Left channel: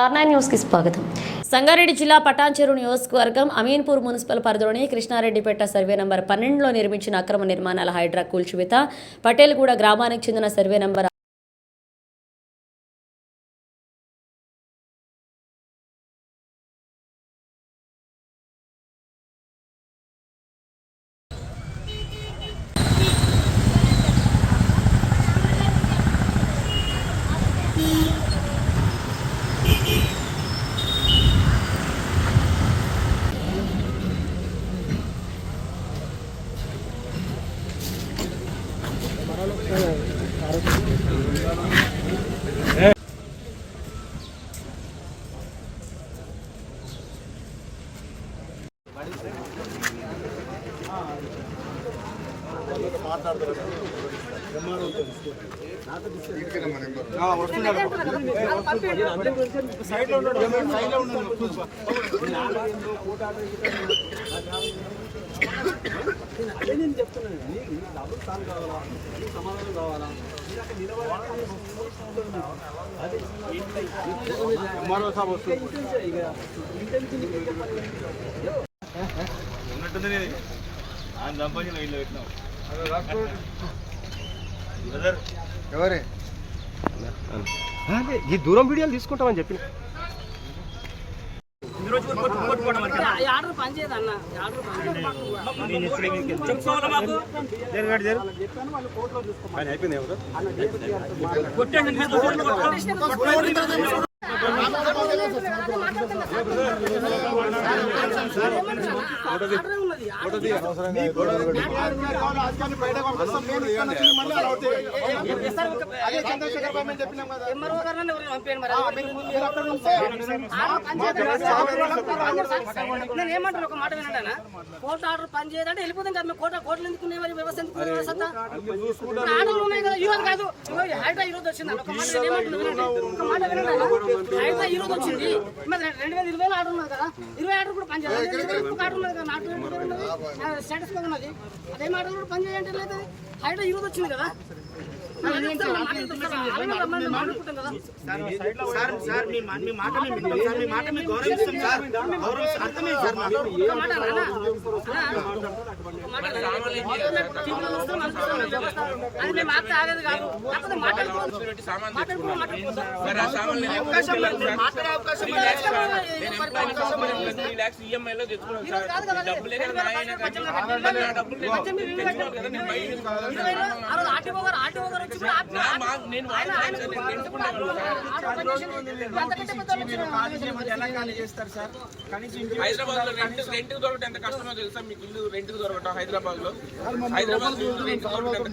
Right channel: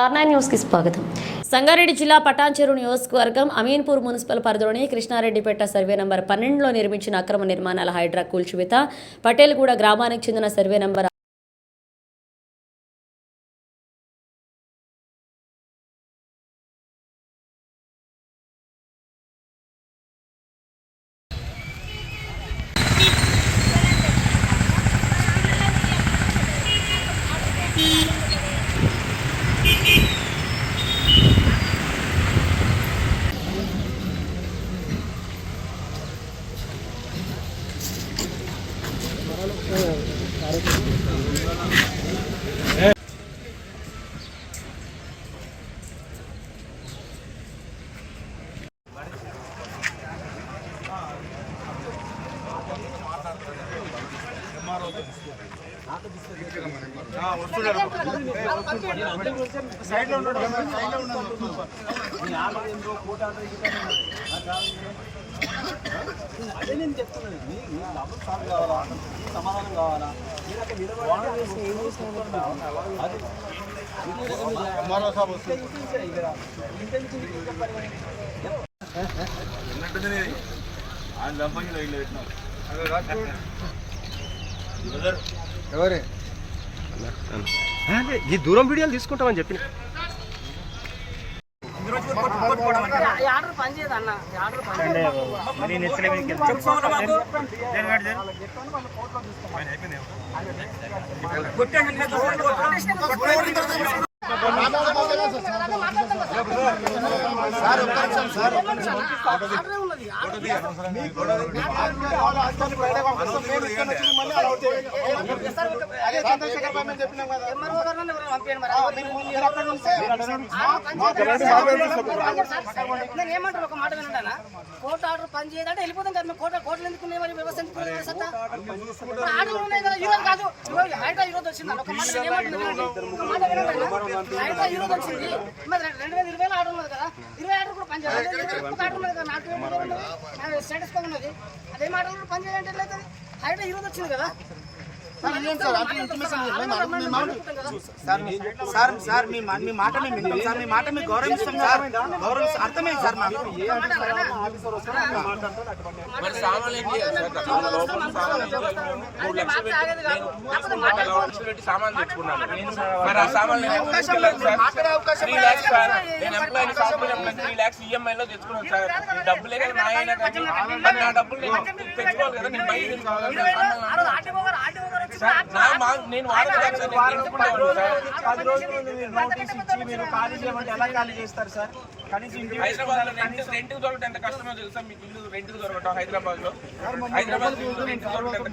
స్టార్9 news కి స్వాగతం. సంగారెడ్డి జిల్లా పటాన్చెరు నియోజకవర్గం అమీన్పూర్ మున్సిపల్ పరిధిలోని కృష్ణారెడ్డిపేట సర్వే నంబర్ 12లో నిర్మించిన అక్రమ నిర్మాణాల హైడ్రా కూల్చివేత. పటేల్గూడ గ్రామానికి చెందిన సర్వే నంబర్ అదే నేను చెప్తున్నాను. నీకు డబ్బులు సాల్వ్ కావాలా, నీకు సమాధానం కావాలా, మీరు అక్కడ నిలబడాలి. అది ఈ దూరం వీడియోలు తీసుకుంటామని చెప్పిన ఆర్డర్ పనిచేయదు అన్న. ఆర్డర్ నేను ఏమంటారు ఒక మాట వినండి అన్న. కోర్టు ఆర్డర్ పని చేయదంటే వెళ్ళిపోతాం కదా. కోర్టులు ఎందుకున్నాయి, మరి వ్యవస్థ ఎందుకున్నాయి? ఆర్డర్లు ఉన్నాయి కదా. ఈరోజు కాదు, హైడ్రా ఈరోజు వచ్చింది అన్న. ఒక మాట నేను ఏమంటున్నా వినండి, ఒక మాట వినండి అన్న. హైడ్రా ఈరోజు వచ్చింది, మరి 2020 ఆర్డర్ ఉన్నది కదా. 20 ఆర్డర్ కూడా పని చేయాలి. 20 ఆర్డర్ ఉన్నది కదా, నాట్ 20 ఉన్నది, స్టేటస్ కో ఉన్నది. అదే ఆర్డర్ కూడా పని చేయాలంటే లేదు. హైడ్రా ఈరోజు వచ్చింది కదా. సామాన్ తెచ్చుకున్నాను. మరి ఆ సామాన్ నేను ఎప్పుడు తీసుకెళ్ళాను సార్? 3 lakhs sir. నేను employee software employee 3 lakhs EMI లో తెచ్చుకున్నాను సార్. డబ్బులే కదా నా అయినా కానీ నా డబ్బులు నేను తెచ్చుకోవాలి కదా. నేను బయట తీసుకోవాలి. నేను హైదరాబాద్ లో రెంట్ దొరకటం ఎంత కష్టమో తెలుసా మీకు? ఇల్లు రెంట్ దొరకటం హైదరాబాద్ లో రెంట్ దొరకటం